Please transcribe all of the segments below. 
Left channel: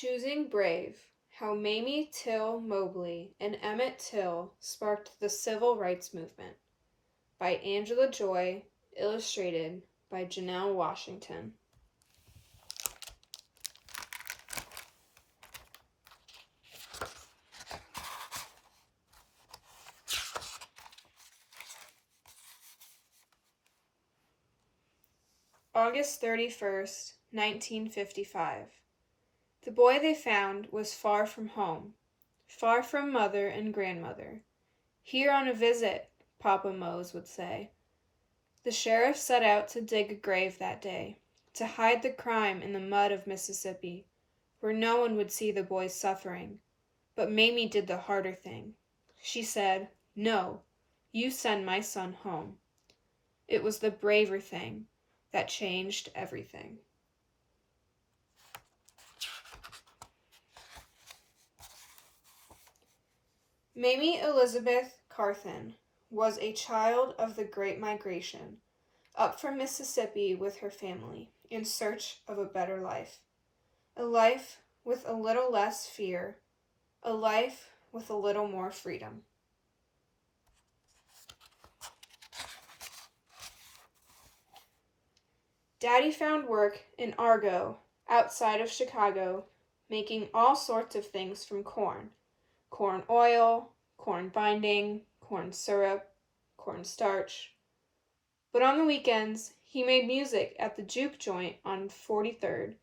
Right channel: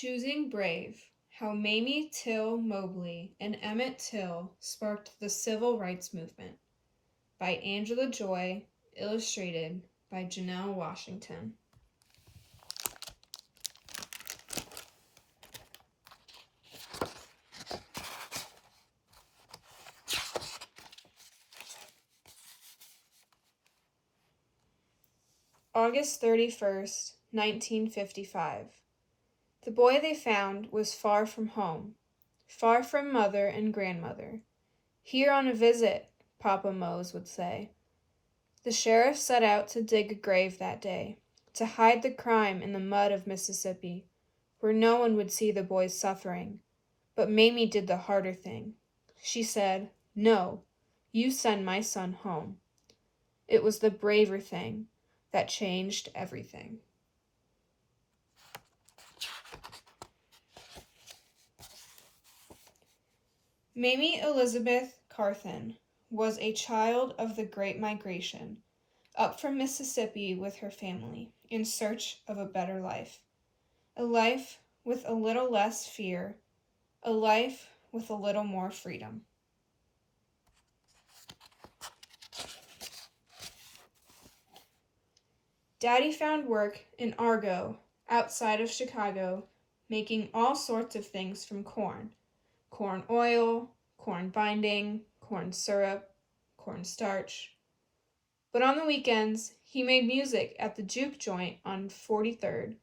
Choosing Brave: How Mamie Till Mobley and Emmett Till Sparked the Civil Rights Movement by Angela Joy, illustrated by Janelle Washington. August 31st, 1955. The boy they found was far from home, far from mother and grandmother. Here on a visit, Papa Mose would say. The sheriff set out to dig a grave that day, to hide the crime in the mud of Mississippi, where no one would see the boy's suffering. But Mamie did the harder thing. She said, "No, you send my son home." It was the braver thing that changed everything. Mamie Elizabeth Carthen was a child of the Great Migration, up from Mississippi with her family, in search of a better life. A life with a little less fear, a life with a little more freedom. Daddy found work in Argo, outside of Chicago, making all sorts of things from corn. Corn oil, corn binding, corn syrup, corn starch. But on the weekends, he made music at the juke joint on 43rd.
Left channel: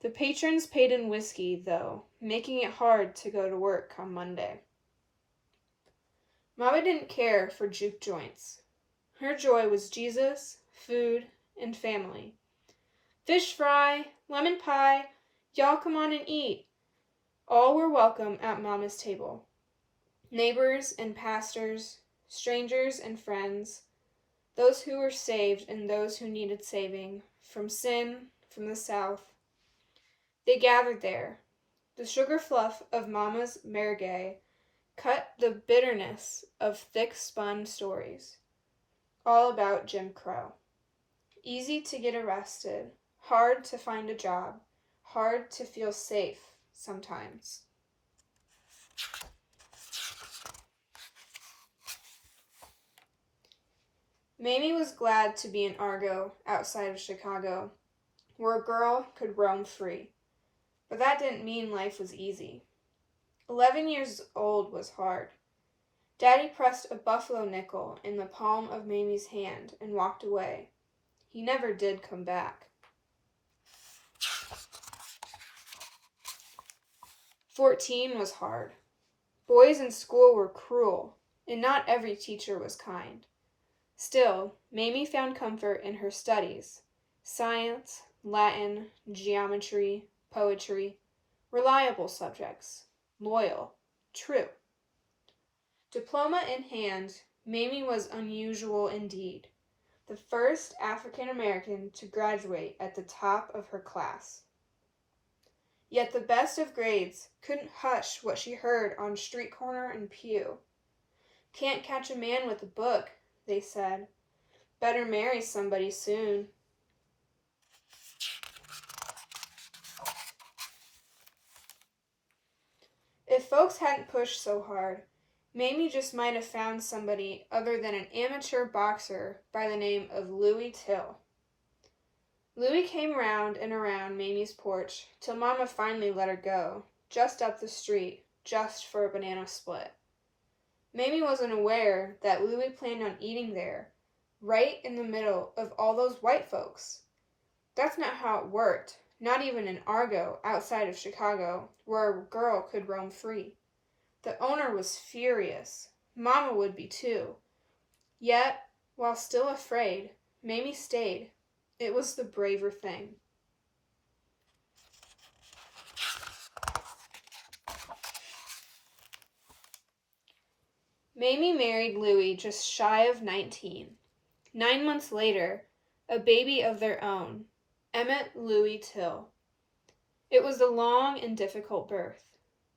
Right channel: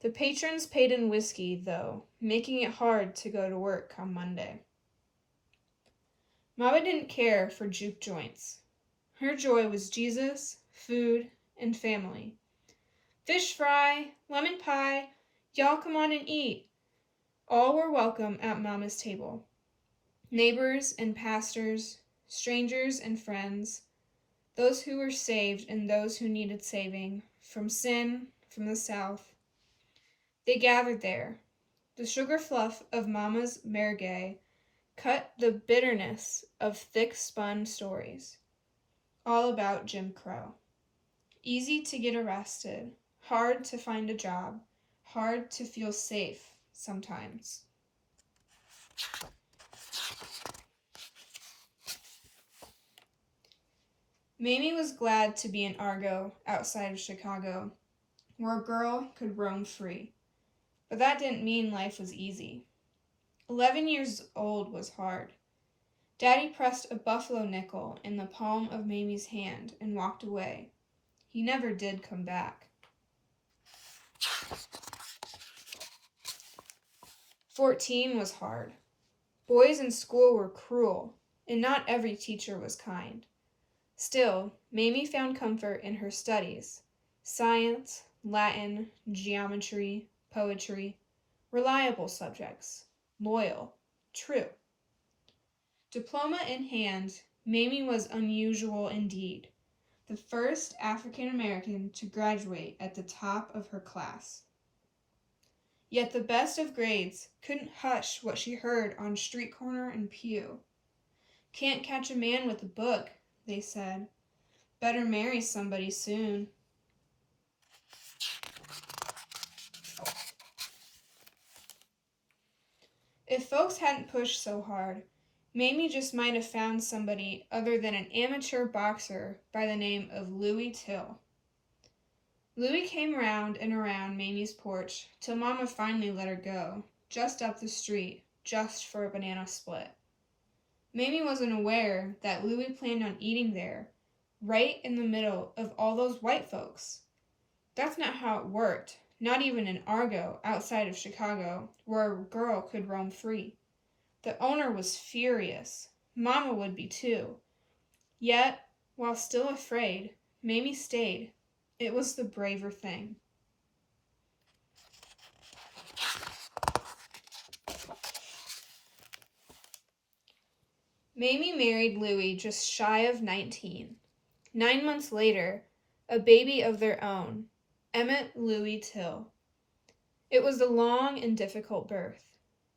The patrons paid in whiskey, though, making it hard to go to work on Monday. Mama didn't care for juke joints. Her joy was Jesus, food, and family. Fish fry, lemon pie, y'all come on and eat. All were welcome at Mama's table. Neighbors and pastors, strangers and friends, those who were saved and those who needed saving, from sin, from the South. They gathered there. The sugar fluff of Mama's merguez cut the bitterness of thick-spun stories, all about Jim Crow. Easy to get arrested, hard to find a job, hard to feel safe sometimes. Mamie was glad to be in Argo, outside of Chicago, where a girl could roam free. But that didn't mean life was easy. 11 years old was hard. Daddy pressed a buffalo nickel in the palm of Mamie's hand and walked away. He never did come back. 14 was hard. Boys in school were cruel, and not every teacher was kind. Still, Mamie found comfort in her studies: science, Latin, geometry, poetry, reliable subjects, loyal, true. Diploma in hand, Mamie was unusual indeed, the first African American to graduate at the top of her class. Yet the best of grades couldn't hush what she heard on street corner and pew. "Can't catch a man with a book," they said. "Better marry somebody soon." If folks hadn't pushed so hard, Mamie just might have found somebody other than an amateur boxer by the name of Louis Till. Louis came round and around Mamie's porch till Mama finally let her go, just up the street, just for a banana split. Mamie wasn't aware that Louis planned on eating there, right in the middle of all those white folks. That's not how it worked, not even in Argo, outside of Chicago, where a girl could roam free. The owner was furious. Mama would be too. Yet, while still afraid, Mamie stayed. It was the braver thing. Mamie married Louis just shy of 19. 9 months later, a baby of their own, Emmett Louis Till. It was a long and difficult birth.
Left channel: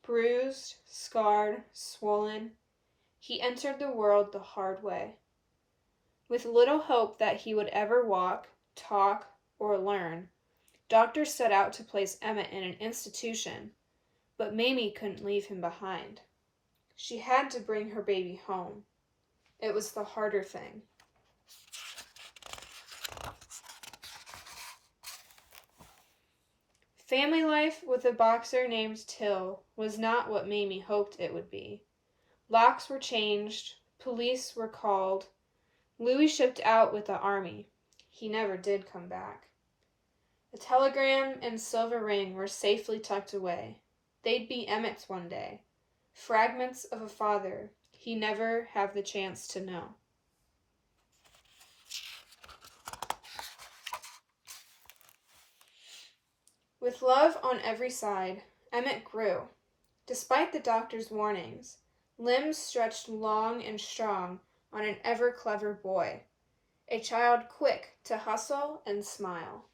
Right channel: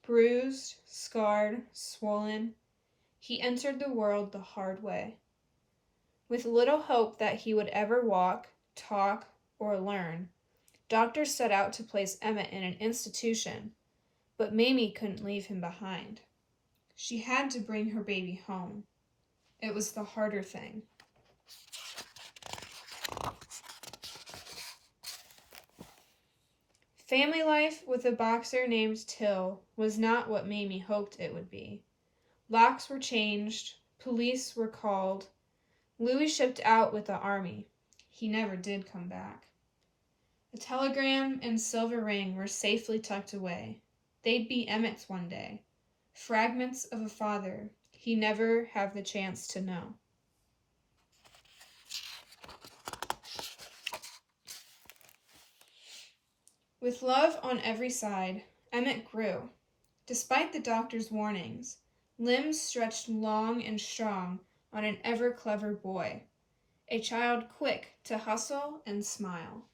Bruised, scarred, swollen, he entered the world the hard way. With little hope that he would ever walk, talk, or learn, Doctors set out to place Emmett in an institution, but Mamie couldn't leave him behind. She had to bring her baby home. It was the harder thing. Family life with a boxer named Till was not what Mamie hoped it would be. Locks were changed, police were called. Louis shipped out with the army. He never did come back. A telegram and silver ring were safely tucked away. They'd be Emmett's one day. Fragments of a father he never have the chance to know. With love on every side, Emmett grew. Despite the doctor's warnings, limbs stretched long and strong on an ever-clever boy, a child quick to hustle and smile.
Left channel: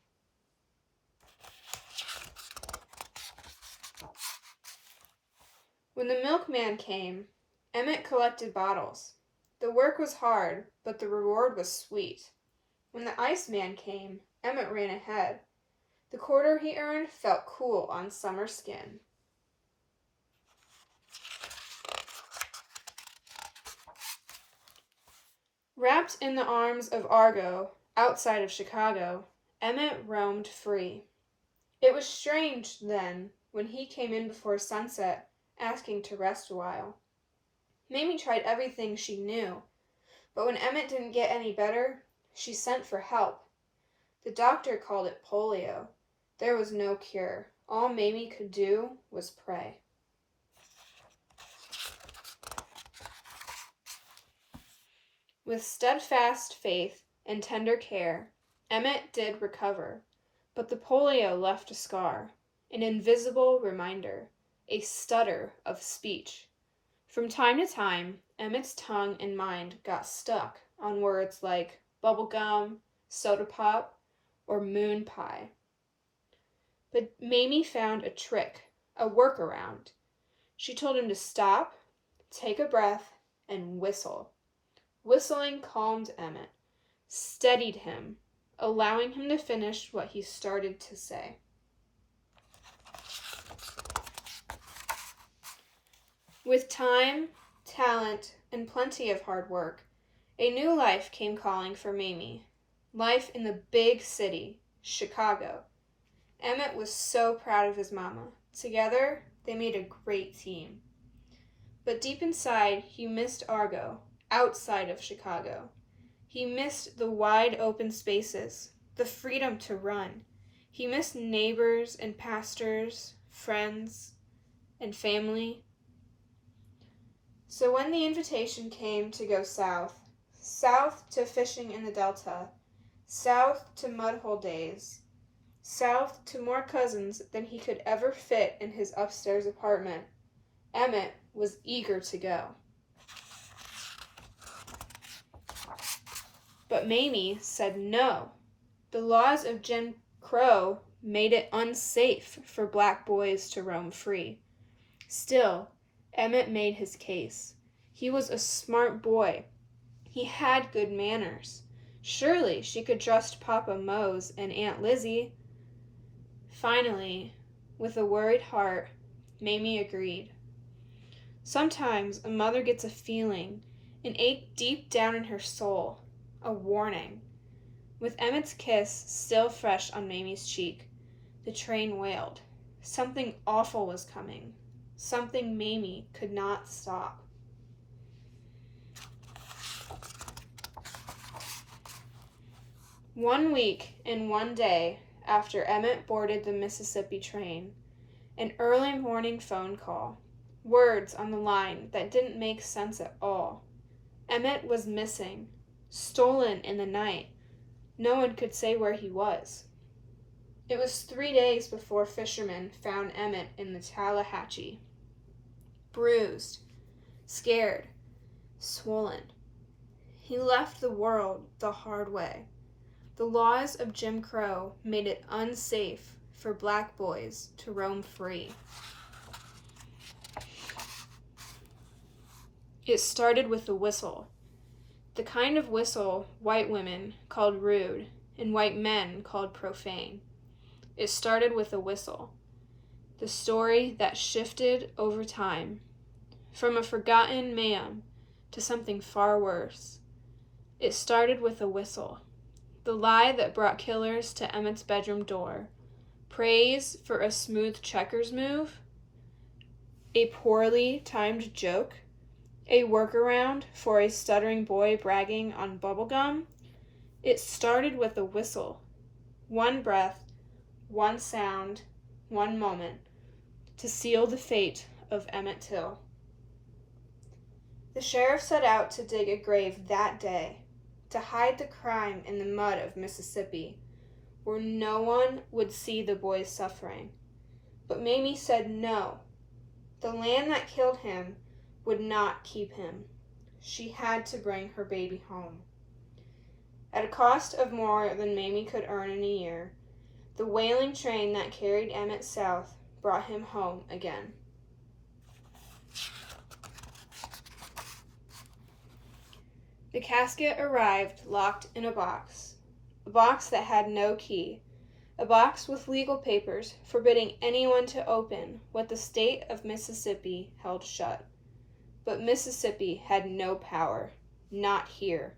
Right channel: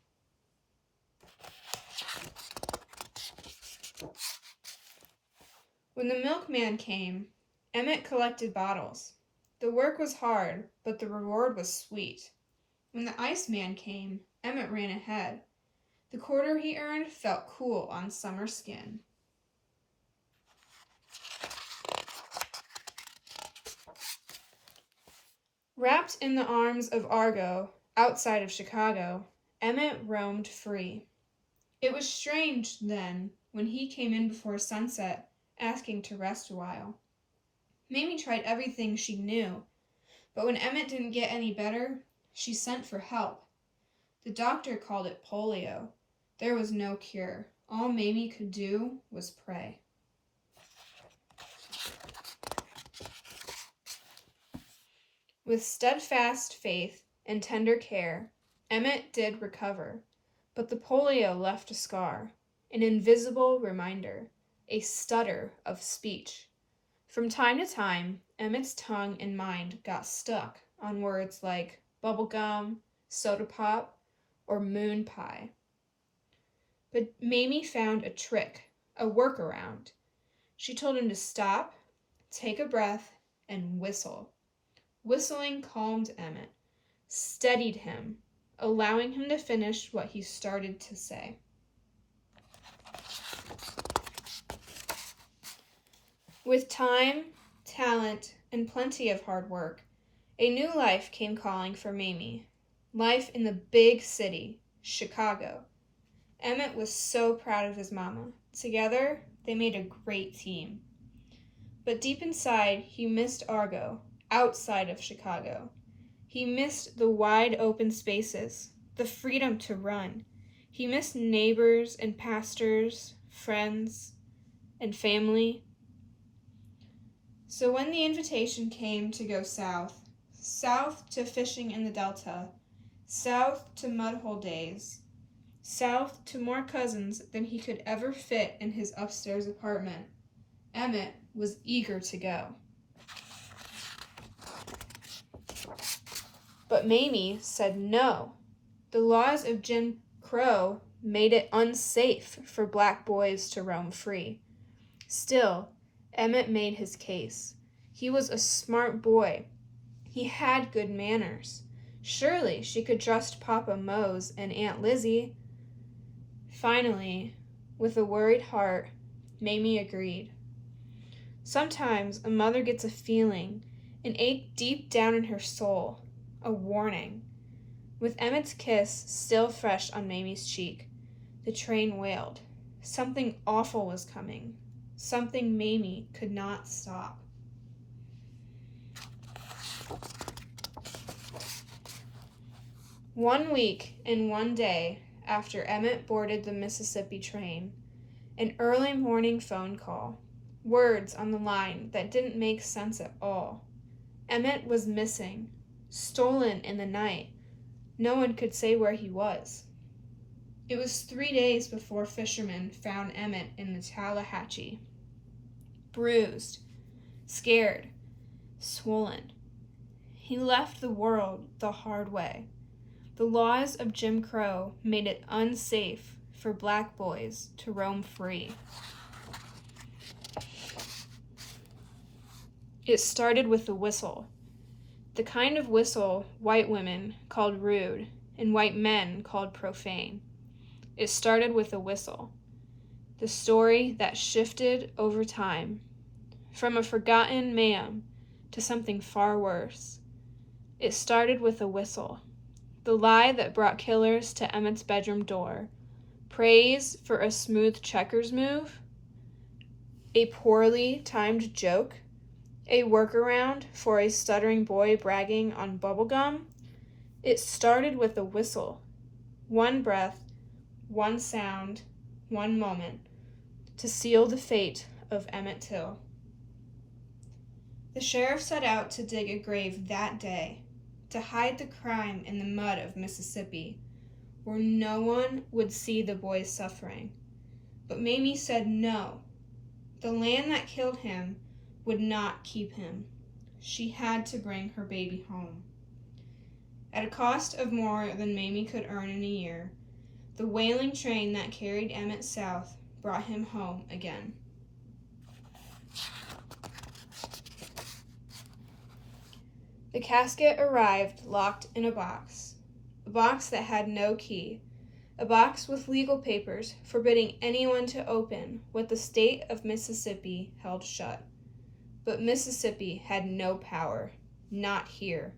When the milkman came, Emmett collected bottles. The work was hard, but the reward was sweet. When the iceman came, Emmett ran ahead. The quarter he earned felt cool on summer skin. Wrapped in the arms of Argo, outside of Chicago, Emmett roamed free. It was strange, then, when he came in before sunset, asking to rest a while. Mamie tried everything she knew, but when Emmett didn't get any better, she sent for help. The doctor called it polio. There was no cure. All Mamie could do was pray. With steadfast faith and tender care, Emmett did recover, but the polio left a scar, an invisible reminder, a stutter of speech. From time to time, Emmett's tongue and mind got stuck on words like bubblegum, soda pop, or moon pie. But Mamie found a trick, a workaround. She told him to stop, take a breath, and whistle. Whistling calmed Emmett, steadied him, allowing him to finish what he started to say. With time, talent, and plenty of hard work, a new life came calling for Mamie. Life in the big city, Chicago. Emmett was so proud of his mama. Together, they made a great team. But deep inside, he missed Argo, outside of Chicago. He missed the wide open spaces, the freedom to run. He missed neighbors and pastors, friends, and family. So when the invitation came to go south to fishing in the Delta, south to mudhole days, south to more cousins than he could ever fit in his upstairs apartment, Emmett was eager to go. But Mamie said no. The laws of Jim Crow made it unsafe for black boys to roam free. Still, Emmett made his case. He was a smart boy. He had good manners. Surely she could trust Papa Mose and Aunt Lizzie. Finally, with a worried heart, Mamie agreed. Sometimes a mother gets a feeling, an ache deep down in her soul, a warning. With Emmett's kiss still fresh on Mamie's cheek, the train wailed. Something awful was coming. Something Mamie could not stop. One week and one day after Emmett boarded the Mississippi train, an early morning phone call, words on the line that didn't make sense at all. Emmett was missing, stolen in the night. No one could say where he was. It was 3 days before fishermen found Emmett in the Tallahatchie. Bruised, scared, swollen. He left the world the hard way. The laws of Jim Crow made it unsafe for black boys to roam free. It started with a whistle, the kind of whistle white women called rude and white men called profane. It started with a whistle. The story that shifted over time, from a forgotten man to something far worse. It started with a whistle. The lie that brought killers to Emmett's bedroom door. Praise for a smooth checkers move. A poorly timed joke. A workaround for a stuttering boy bragging on bubblegum. It started with a whistle. One breath, one sound, one moment to seal the fate of Emmett Till. The sheriff set out to dig a grave that day, to hide the crime in the mud of Mississippi, where no one would see the boy's suffering. But Mamie said no. The land that killed him would not keep him. She had to bring her baby home. At a cost of more than Mamie could earn in a year, the whaling train that carried Emmett south brought him home again. The casket arrived locked in a box that had no key, a box with legal papers forbidding anyone to open what the state of Mississippi held shut. But Mississippi had no power, not here.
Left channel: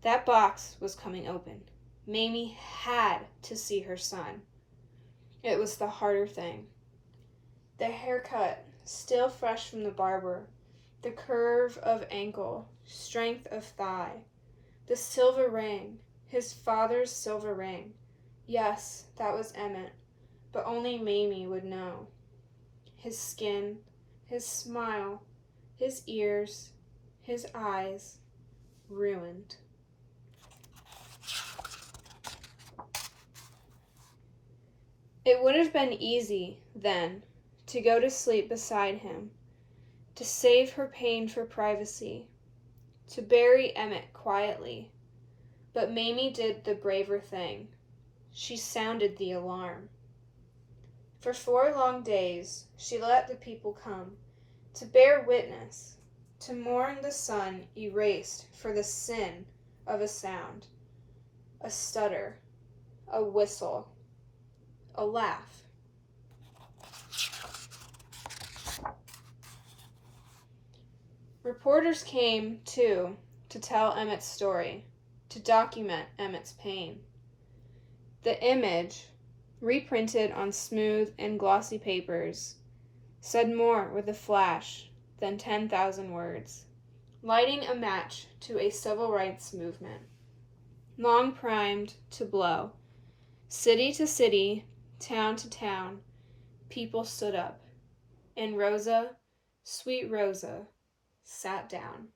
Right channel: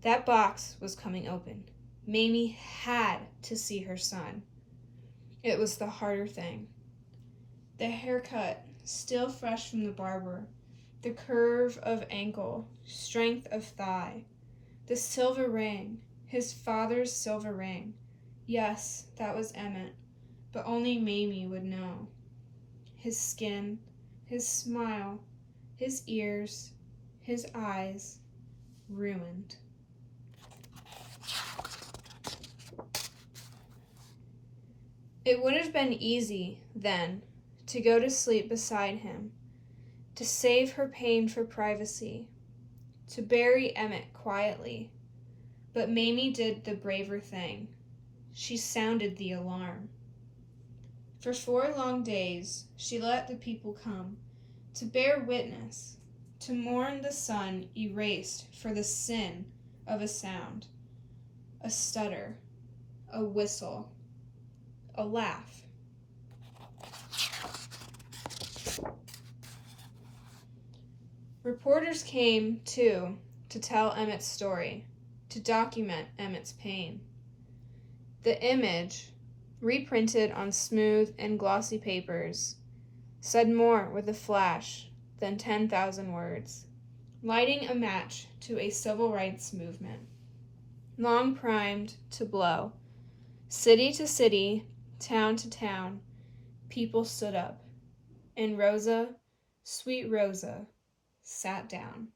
That box was coming open. Mamie had to see her son. It was the harder thing. The haircut, still fresh from the barber, the curve of ankle, strength of thigh, the silver ring, his father's silver ring. Yes, that was Emmett, but only Mamie would know. His skin, his smile, his ears, his eyes, ruined. It would have been easy, then, to go to sleep beside him, to save her pain for privacy, to bury Emmett quietly. But Mamie did the braver thing. She sounded the alarm. For 4 long days, she let the people come, to bear witness, to mourn the son erased for the sin of a sound, a stutter, a whistle, a laugh. Reporters came, too, to tell Emmett's story, to document Emmett's pain. The image, reprinted on smooth and glossy papers, said more with a flash than 10,000 words, lighting a match to a civil rights movement, long primed to blow. City to city, town to town, people stood up, and Rosa, sweet Rosa, sat down.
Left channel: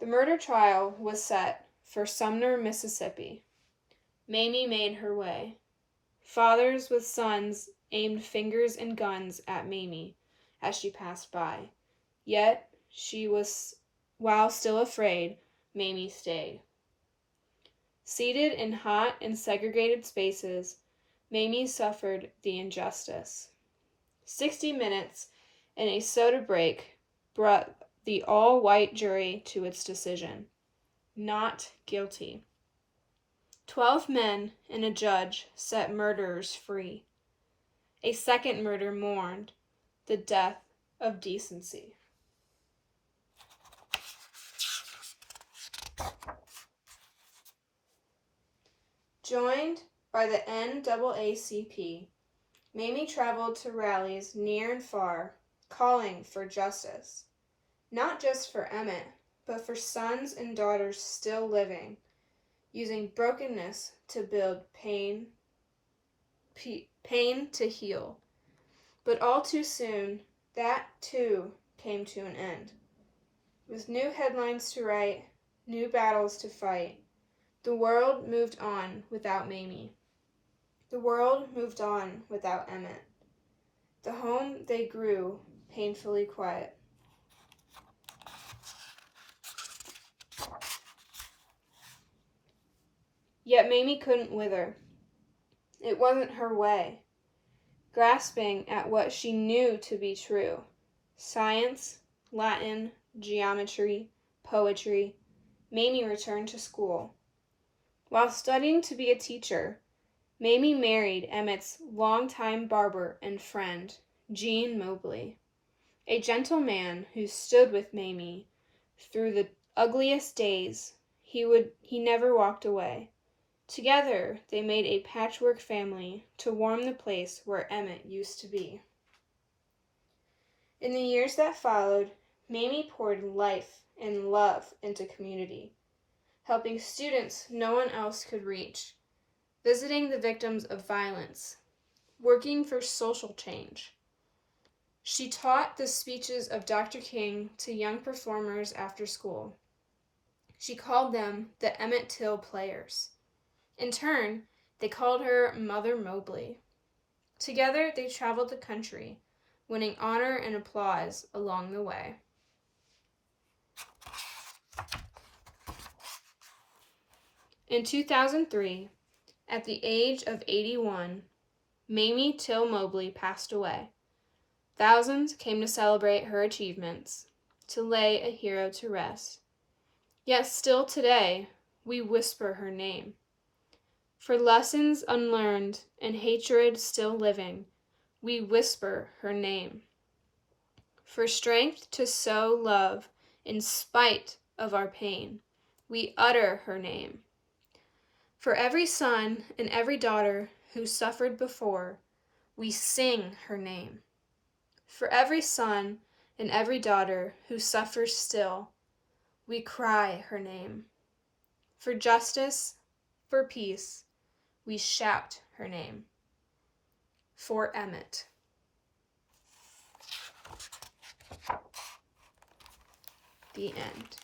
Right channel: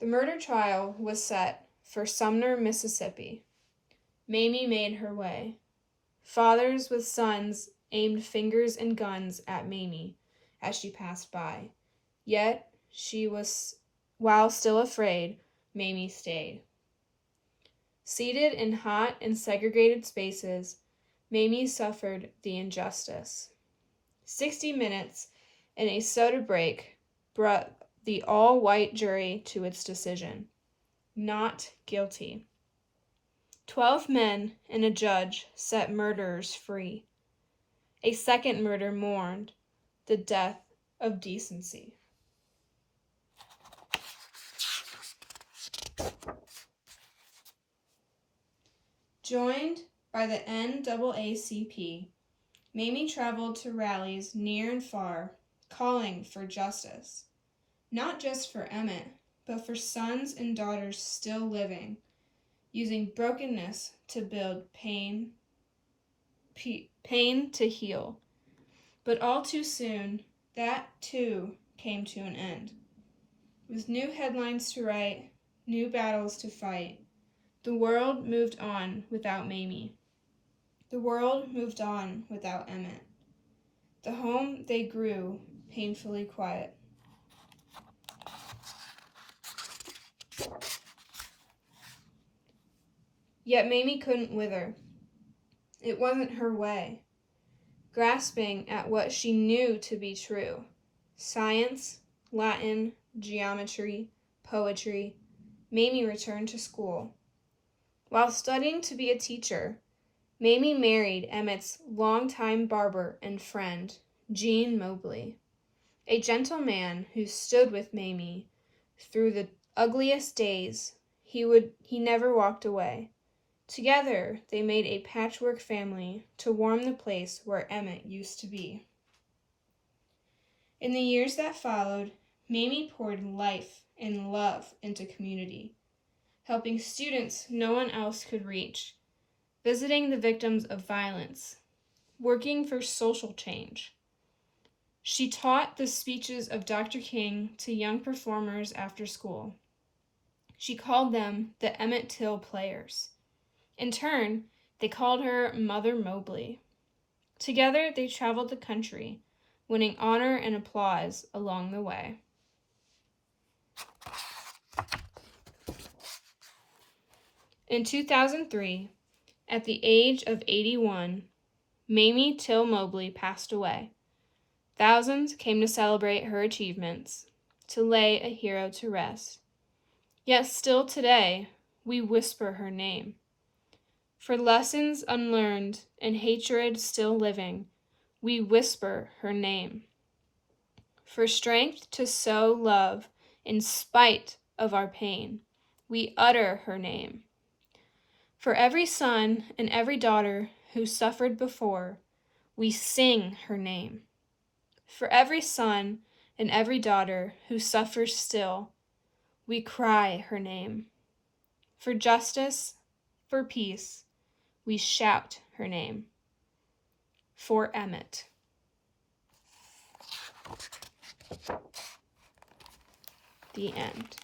The murder trial was set for Sumner, Mississippi. Mamie made her way. Fathers with sons aimed fingers and guns at Mamie as she passed by. Yet while still afraid, Mamie stayed. Seated in hot and segregated spaces, Mamie suffered the injustice. 60 minutes and a soda break brought the all-white jury to its decision. Not guilty. 12 men and a judge set murderers free. A second murder mourned, the death of decency. Joined by the NAACP, Mamie traveled to rallies near and far, calling for justice. Not just for Emmett, but for sons and daughters still living, using brokenness to build pain to heal. But all too soon, that too came to an end. With new headlines to write, new battles to fight, the world moved on without Mamie. The world moved on without Emmett. The home they grew painfully quiet. Yet Mamie couldn't wither. It wasn't her way. Grasping at what she knew to be true, science, Latin, geometry, poetry, Mamie returned to school. While studying to be a teacher, Mamie married Emmett's longtime barber and friend, Gene Mobley, a gentle man who stood with Mamie through the ugliest days. He never walked away. Together, they made a patchwork family to warm the place where Emmett used to be. In the years that followed, Mamie poured life and love into community, helping students no one else could reach, visiting the victims of violence, working for social change. She taught the speeches of Dr. King to young performers after school. She called them the Emmett Till Players. In turn, they called her Mother Mobley. Together, they traveled the country, winning honor and applause along the way. In 2003, at the age of 81, Mamie Till Mobley passed away. Thousands came to celebrate her achievements, to lay a hero to rest. Yet still today, we whisper her name. For lessons unlearned and hatred still living, we whisper her name. For strength to sow love in spite of our pain, we utter her name. For every son and every daughter who suffered before, we sing her name. For every son and every daughter who suffers still, we cry her name. For justice, for peace, we shout her name. For Emmett. The end.